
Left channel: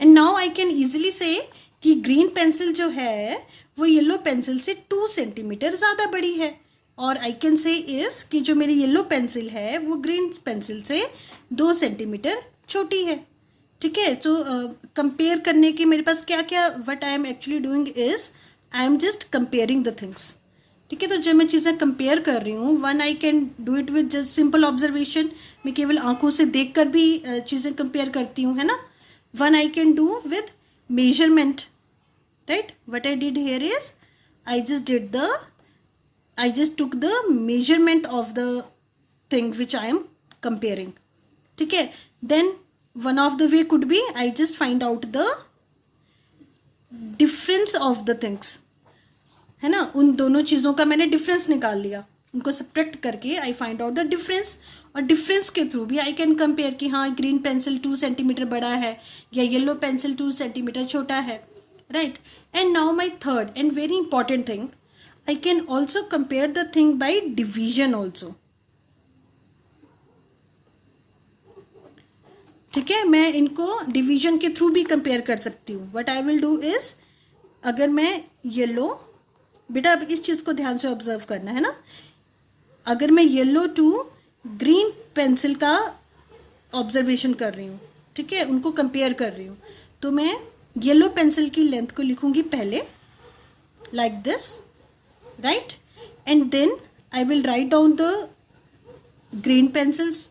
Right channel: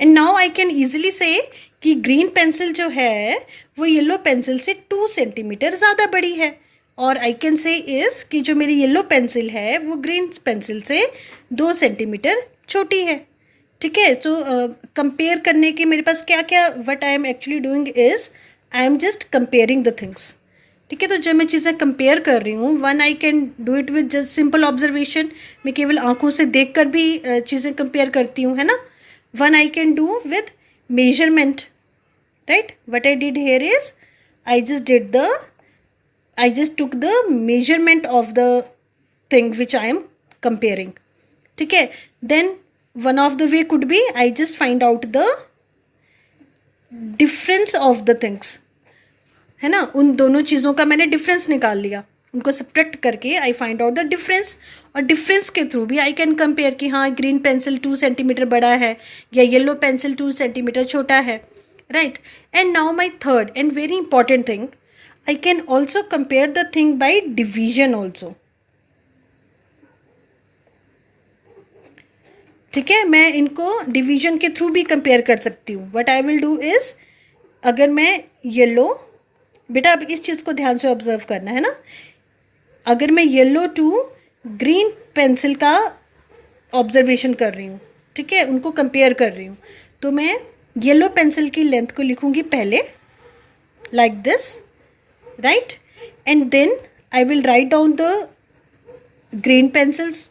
And now I can easily से कि ग्रीन पेंसिल जो है वो येलो पेंसिल से 2 centimeter ज़्यादा बड़ी है, और आई कैन से इज़ कि जो मेरी येलो पेंसिल है वो ग्रीन पेंसिल से 2 centimeter छोटी है, ठीक है। सो कंपेयर करने के मेरे पास क्या क्या, what I am actually doing is I am just comparing the things, ठीक है। तो जब मैं चीज़ें कंपेयर कर रही हूँ, one I can do it with just simple observation, मैं केवल आंखों से देख कर भी चीज़ें कंपेयर करती हूँ, है ना। One I can do with measurement, right. What I did here is I just took the measurement of the thing which I am comparing, ठीक है। then one of the way could be I just find out the difference of the things, है ना। उन दोनों चीज़ों का मैंने difference निकाल लिया, उनको सब्ट्रैक्ट करके I find out the difference, और डिफरेंस के थ्रू भी आई कैन कंपेयर कि हाँ ग्रीन पेंसिल 2 centimeter बड़ा है या येलो पेंसिल 2 centimeter छोटा है, right. And now my third and very important thing, I can also compare the thing by division also, ठीक है, मैं इनको डिवीजन के थ्रू भी कंपेयर कर सकती हूँ. What I will do is, अगर मैं येलो, बेटा अब इस चीज़ को ध्यान से ऑब्जर्व करना है ना, अगर मैं येलो टू ग्रीन पेंसिल का ऑब्जर्वेशन कर रही हूँ, ठीक है, उनको कंपेयर कर रही हूँ, तो मैं येलो पेंसिल की लेंथ को लिखूँगी पहले like this, right, and then I will write down the green pencils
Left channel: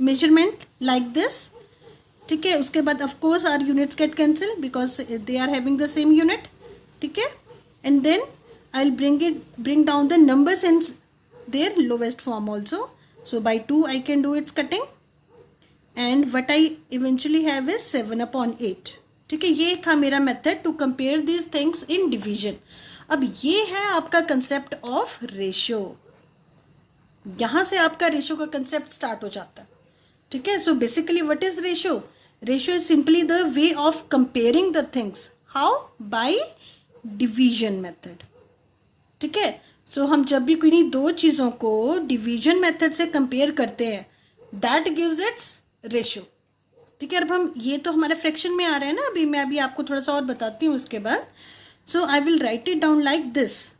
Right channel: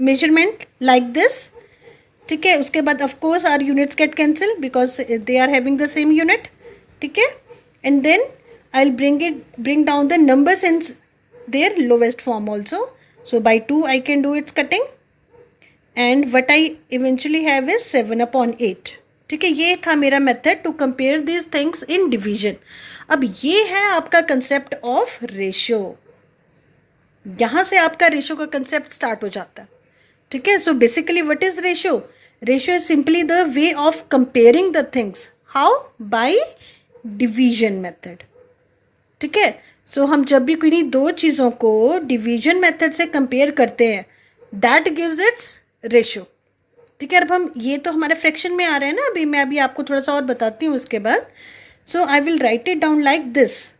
measurement like this. ठीक है, उसके बाद of course our units get cancel because they are having the same unit. ठीक है, and then I will bring down the numbers in their lowest form also. So by 2 I can do its cutting, and what I eventually have is 7/8. ठीक है, ये था मेरा method to compare these things in division. अब ये है आपका concept of ratio. यहाँ से आपका रेशियो का कंसेप्ट स्टार्ट हो जाता है. ठीक है, so basically what is ratio? Ratio is simply the way of comparing the things. How? Bye division method. ठीक है, सो हम जब भी किन्हीं दो चीज़ों को डिवीजन मेथड से कंपेयर करते हैं, दैट गिव्स इट्स रेशियो. ठीक है, अब हम ये तो हमारे फ्रैक्शन में आ रहे हैं ना, मैं अभी आपको थोड़ा सा और बताती हूँ इसके बाद. So I will write it down like this,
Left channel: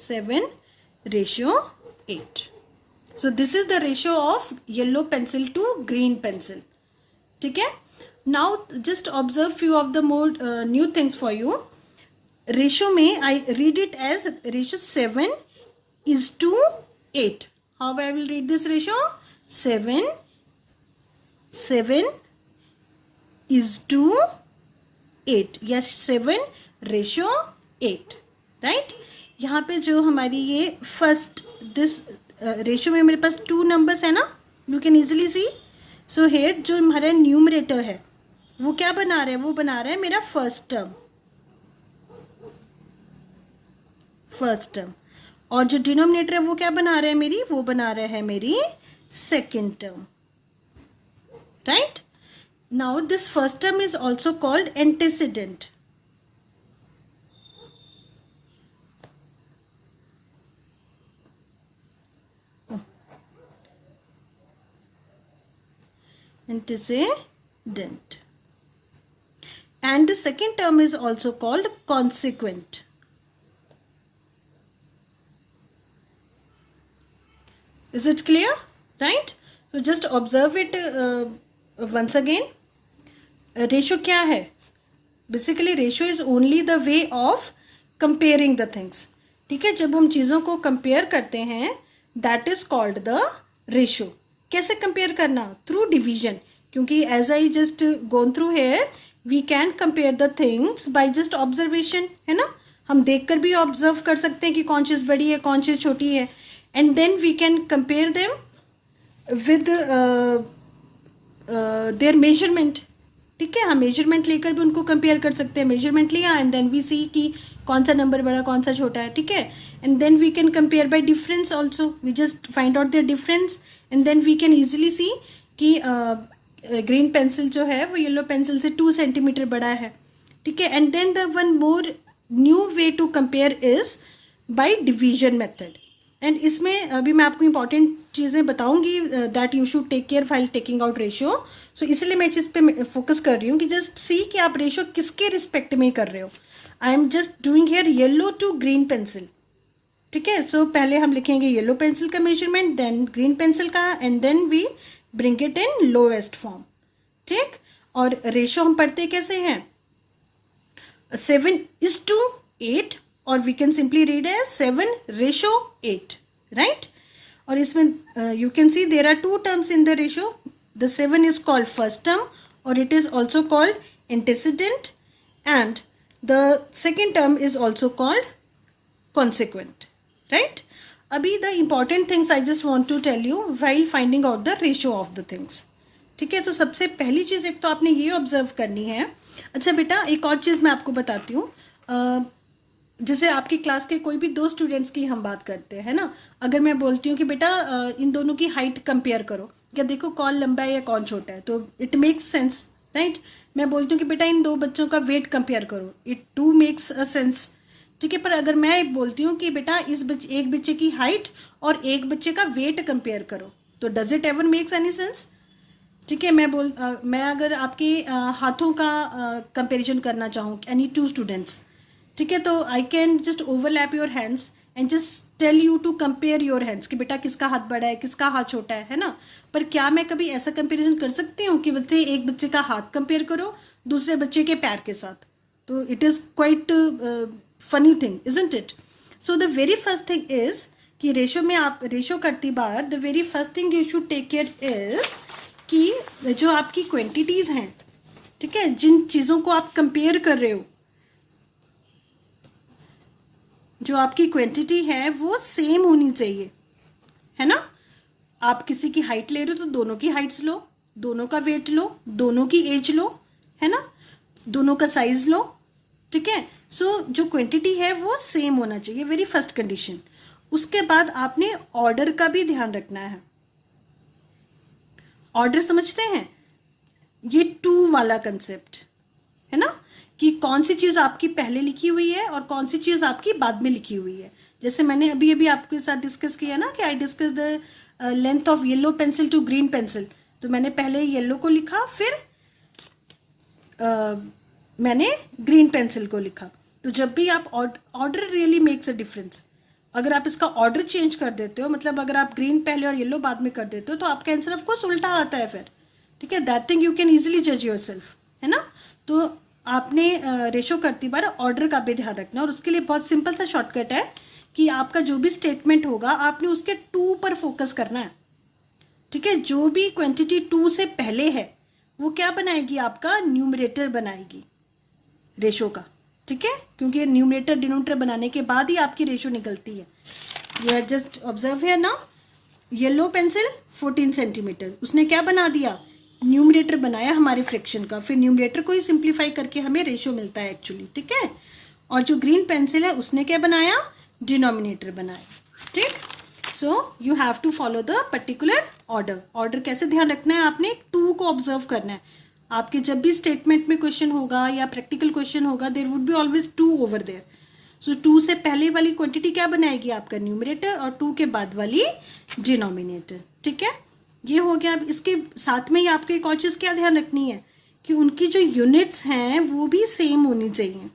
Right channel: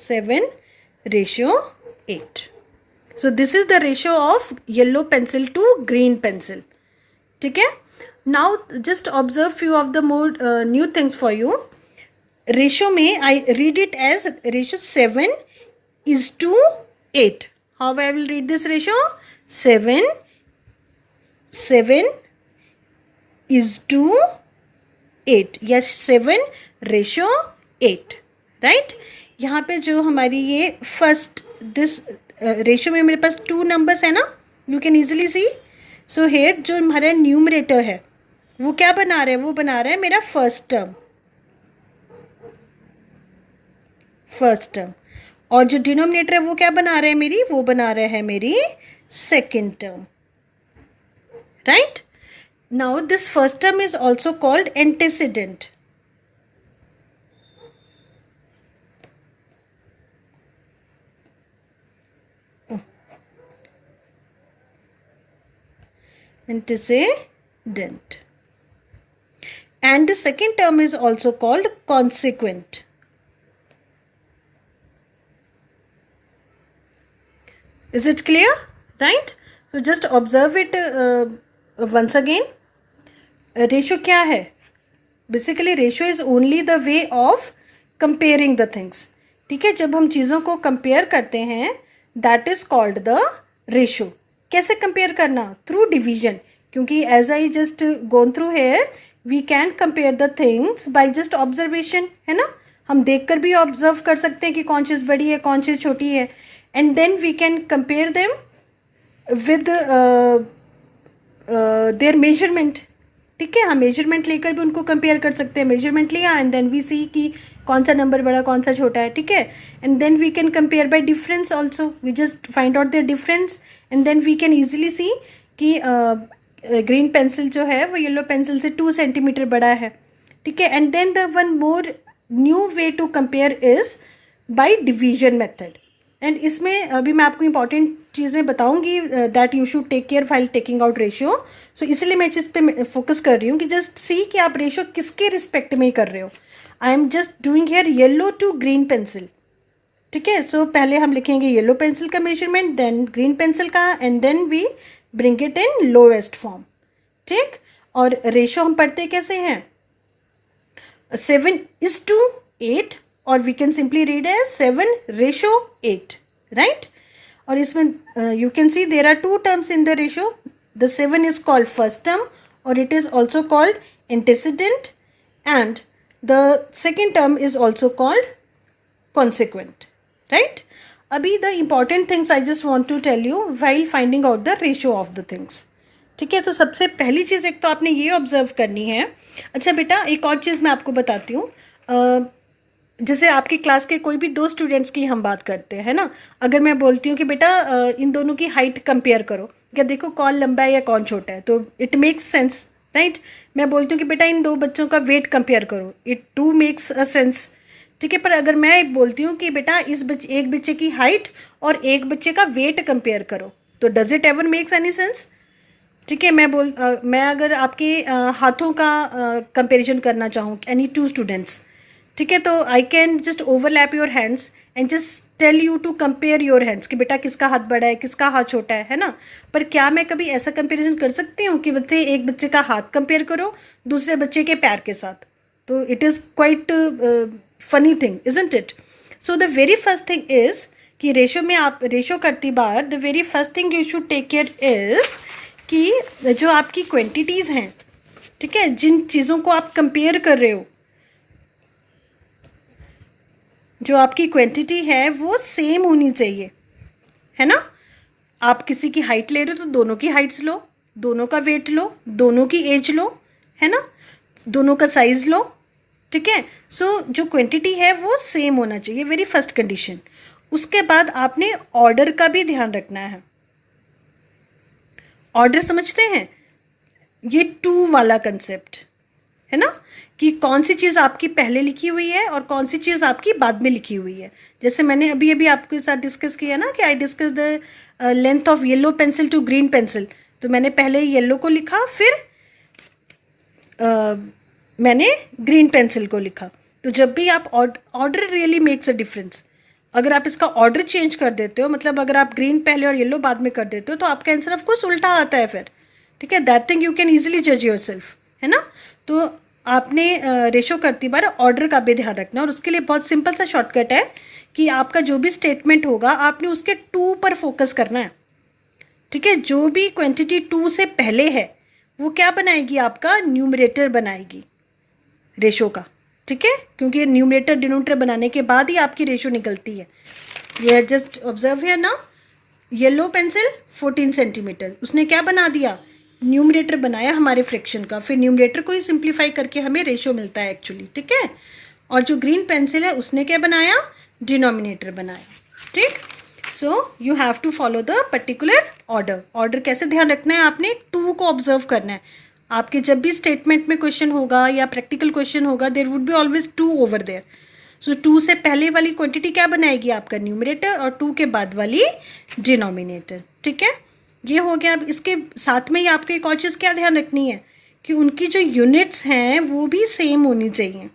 7/8. So this is the ratio of yellow pencil to green pencil. ठीक है, now just observe few of the more new things for you. Ratio में I read it as ratio 7:8. How I will read this ratio? 7:8. Yes, 7/8. Right? यहाँ पे जो हमारी ये first this ratio में मेरे पास 2 नंबर्स है ना, you can easily see. So here जो हमारा न्यूमरेटर है वो क्या बना रहा है? वो बना रहा है मेरा फर्स्ट टर्म, और जो डिनोमिनेटर है वो क्या बना रहा है मेरी? वो बना रहा है मेरी second term. Right, now this first term is also called antecedent. Antecedent, and the second term is also called consequent. Is it clear? Right? So just observe it once again. Ratio क्या है? Basically ratio is only the way of comparing the things. ठीक है, जब हम चीज़ों को compare करते हैं that is called the ratio. कैसे कंपेयर करना? थ्रू डिवीजन, क्योंकि as I just gone through here we can compare the things by just observation, है ना. हम देखकर भी ऑब्जर्व कर सकते हैं कि कौन चीज़ बड़ी है कौन चीज़ छोटी है, and then we can compare them with their measurement. ठीक है, हम मेजरमेंट लेकर भी उनको कंपेयर कर सकते हैं. मेजरमेंट लिया एंड देन वी सी कि कौन सा नंबर बड़ा कौन सा छोटा है. ठीक है, and then we can compare by difference also. We just find out the difference and then we can easily see कि ग्रीन पेंसिल जो है वो येलो पेंसिल से 2 सेंटीमीटर बड़ा है. ठीक है, and then the one more new way to compare is by division method. And इसमें अभी मैं आपको इंपॉर्टेंट चीज़ें बताऊंगी that you should take care while taking out ratio. So इसलिए मैं इस चीज़ पे फोकस कर रही हूँ कि जस्ट सी कि आप रेशियो किसके रिस्पेक्ट में कर रहे हो. I am just doing here yellow to green pencil. ठीक है, सो पहले हम लिखेंगे येलो पेंसिल का मेजरमेंट, देन ग्रीन पेंसिल का, and then we bring it in lowest form. ठीक, और रेशियो हम पढ़ते कैसे हैं? 7:8, और we can simply read as 7/8. Right, और इसमें you can see there are 2 terms in the ratio. The 7 is called first term और it is also called antecedent, and the second term is also called consequent. Right? अभी the important things I just want to tell you while finding out the ratio of the things. ठीक है, तो सबसे पहली चीज़ एक तो आपने ये ऑब्जर्व करनी है. अच्छा बेटा, एक और चीज़ मैं आपको बताती हूँ. जैसे आपकी क्लास के कोई भी 2 स्टूडेंट्स की हम बात करते हैं, है ना. अगर मैं बोलती हूँ कि बेटा इन दोनों की हाइट कंपेयर करो, क्या देखो कौन लंबा है या कौन छोटा है, तो इट मेक्स सेंस. राइट, मैं बोलती हूँ कि बेटा इन 2 बच्चों का वेट कंपेयर करो, it to makes a sense. ठीक है, पर अगर मैं बोलती हूँ कि बेटा एक बच्चे की हाइट और एक बच्चे का वेट कंपेयर करो, तो does it ever makes any sense? ठीक है, मैं अगर आपके हाथों का कंपैरिजन करना चाहूँ, एनी टू स्टूडेंट्स, ठीक है, तो I can just overlap your hands and just tell you to compare your hands कि बेटा किसका हाथ बड़ा है, किसका हाथ छोटा है ना। पर क्या मैं कभी ऐसा कंपैरिजन कर सकती हूँ कि एक बच्चे का हाथ कंपेयर करो दूसरे बच्चे के पैर के साथ? तो it is quite funny thing, isn't it? So the very first thing is कि रेशो करती बार the very first thing you should take care is कि जो आपकी क्वांटिटीज़ हैं, ठीक है, जिन चीज़ों को आप कंपेयर कर रहे हो, जो आपकी क्वांटिटी है वो सेम होनी चाहिए, है ना। आप किसी की हाइट ले रहे हो तो दोनों की हाइट्स लो, दोनों का वेट लो, दोनों की एज लो, है ना, दोनों का साइज लो, ठीक है। सो जो क्वांटिटी है वो सेम होना चाहिए, वेरी फर्स्ट कंडीशन। उसके बाद आपने ऑर्डर का भी ध्यान रखना है। ऑर्डर समझते हैं, ये टू वाला कंसेप्ट है ना, कि कौन सी चीज़ आपकी पहले लिखी हुई है और कौन सी चीज़ आपकी बाद में लिखी हुई है। जैसे मैंने अभी अभी आपके साथ डिस्कस किया ना कि I discuss the length of yellow pencil to green pencil, तो मैंने पहले येलो को लिखा, फिर मैंने ग्रीन पेंसिल को लिखा। तो जब भी आप order really makes a difference. अगर आप इसका ऑर्डर चेंज कर देते हो, मतलब अगर आप ग्रीन पहले और येलो बाद में कर देते हो, तो आपका आंसर ऑफ कोर्स उल्टा आता है फिर, ठीक है। That thing you can easily जज योर सेल्फ, है ना। तो आपने रेशो करती बार ऑर्डर का भी ध्यान रखना, और उसके लिए बहुत सिंपल सा शॉर्टकट है कि आपका जो भी स्टेटमेंट होगा आपने उसके टू पर फोकस करना है, ठीक है। जो भी क्वांटिटी टू से पहले है वो क्या बनाएगी, आपका न्यूमरेटर बनाएगी रेशो का, ठीक है, क्योंकि न्यूमरेटर डिनोमिनेटर बनाने के बाद ही आपकी रेशो निकलती है। ये जस्ट ऑब्जर्व है ना, येलो पेंसिल 14 सेंटीमीटर, उसने क्या बना दिया, न्यूमरेटर बनाया हमारे फ्रैक्शन का, फिर न्यूमरेटर को ही सिंप्लीफाई करके हमें रेशो मिलता है एक्चुअली, ठीक है। और जो ग्रीन पेंसिल है उसने क्या बनाया, डिनोमिनेटर बनाया, ठीक। So you have to follow the particular order कैसे ध्यान रखना है, आपने टू को ऑब्जर्व करना है। आपके जब भी स्टेटमेंट में क्वेश्चन होगा या प्रैक्टिकल क्वेश्चन होगा, there would be always two over there. So two से पहले वाली क्वांटिटी क्या बनाएगी, आपका न्यूमरेटर, और टू के बाद वाली डिनोमिनेटर, ठीक है। ये हो गया। अब इसके साथ में ही आपको एक और चीज़ क्या ध्यान रखनी है कि उनकी जो यूनिट्स हैं वो भी सेम होनी चाहिए।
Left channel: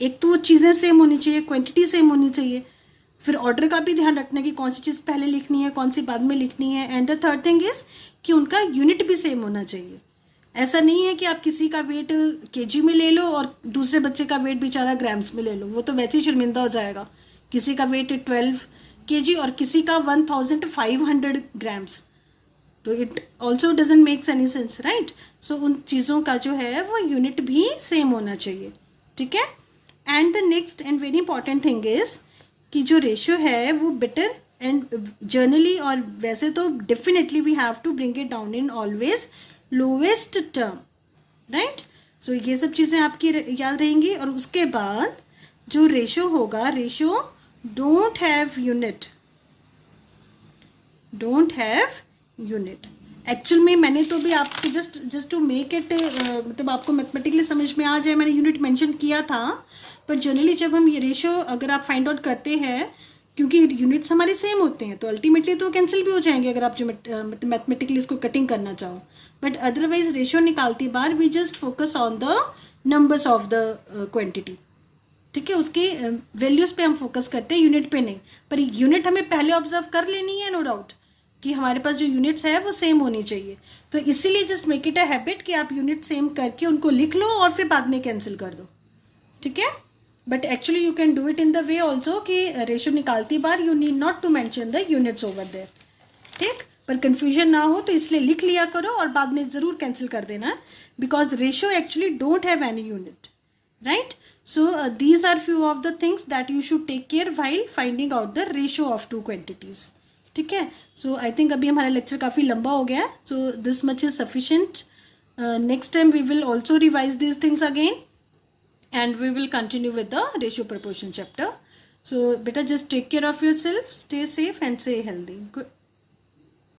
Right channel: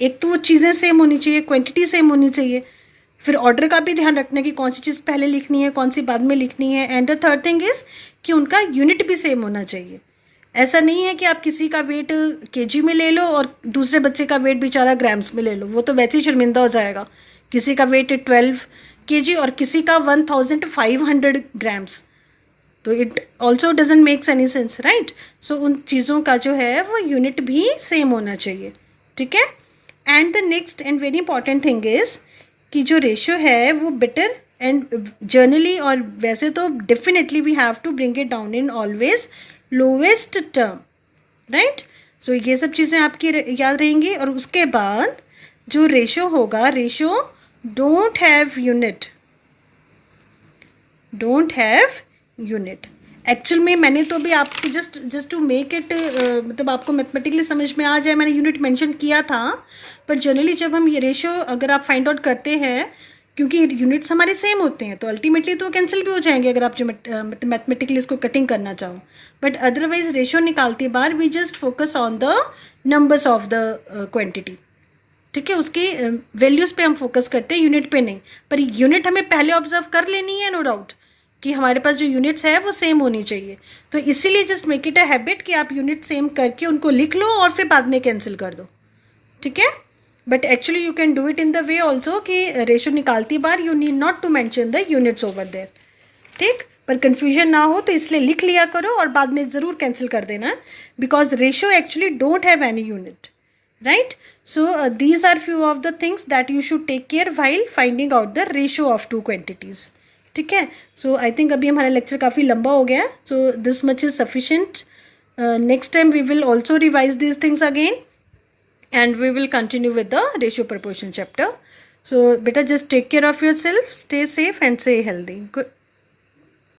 एक तो चीज़ें सेम होनी चाहिए, क्वांटिटी सेम होनी चाहिए, फिर ऑर्डर का भी ध्यान रखना कि कौन सी चीज़ पहले लिखनी है, कौन सी बाद में लिखनी है, and the third thing is कि उनका यूनिट भी सेम होना चाहिए। ऐसा नहीं है कि आप किसी का वेट केजी में ले लो और दूसरे बच्चे का वेट बेचारा ग्राम्स में ले लो, वो तो वैसे ही शर्मिंदा हो जाएगा। किसी का वेट 12 केजी और किसी का 1500 ग्राम्स, तो it also doesn't makes any sense, right. So उन चीज़ों का जो है वो यूनिट भी सेम होना चाहिए, ठीक है। And the next and very important thing is कि जो रेशियो है वो बेटर एंड जर्नली, और वैसे तो definitely we have to bring it down in always lowest term, right. So ये सब चीज़ें आपकी याद रहेंगी। और उसके बाद जो रेशियो होगा, ratio don't have unit, actual में मैंने तो भी आपको जस्ट टू मेक इट, मतलब आपको मैथमेटिकली समझ में आ जाए, मैंने यूनिट मेंशन किया था। पर जनरली जब हम ये रेशियो अगर आप फाइंड आउट करते हैं, क्योंकि यूनिट्स हमारे सेम होते हैं, तो अल्टीमेटली तो कैंसिल भी हो जाएंगे अगर आप जो मैथमेटिकली इसको कटिंग करना चाहो। बट अदरवाइज रेशियो निकालती बार we just focus on the numbers of the quantity, ठीक है, उसकी वैल्यूज़ पे हम फोकस करते हैं, यूनिट पे नहीं। पर यूनिट हमें पहले ऑब्जर्व कर लेनी है, नो डाउट, कि हमारे पास जो यूनिट्स है वो सेम होनी चाहिए। तो इसीलिए just make it a habit कि आप यूनिट सेम करके उनको लिख लो और फिर बाद में कैंसिल कर दो, ठीक है। But actually you can do it in the way also कि रेशो निकालती बार you need not to mention the units over there, ठीक। पर कन्फ्यूजन ना हो तो इसलिए लिख लिया करो और बाद में ज़रूर कैंसिल कर देना, because ratio actually don't have any unit, right. So these are few of the things that you should take care while finding out the ratio of two quantities, ठीक है। सो आई थिंक अभी हमारा lecture काफ़ी लंबा हो गया, so this much is sufficient. Next time we will also revise this things again and we will continue with the ratio proportion chapter. So beta, just take care of yourself, stay safe and stay healthy. Good.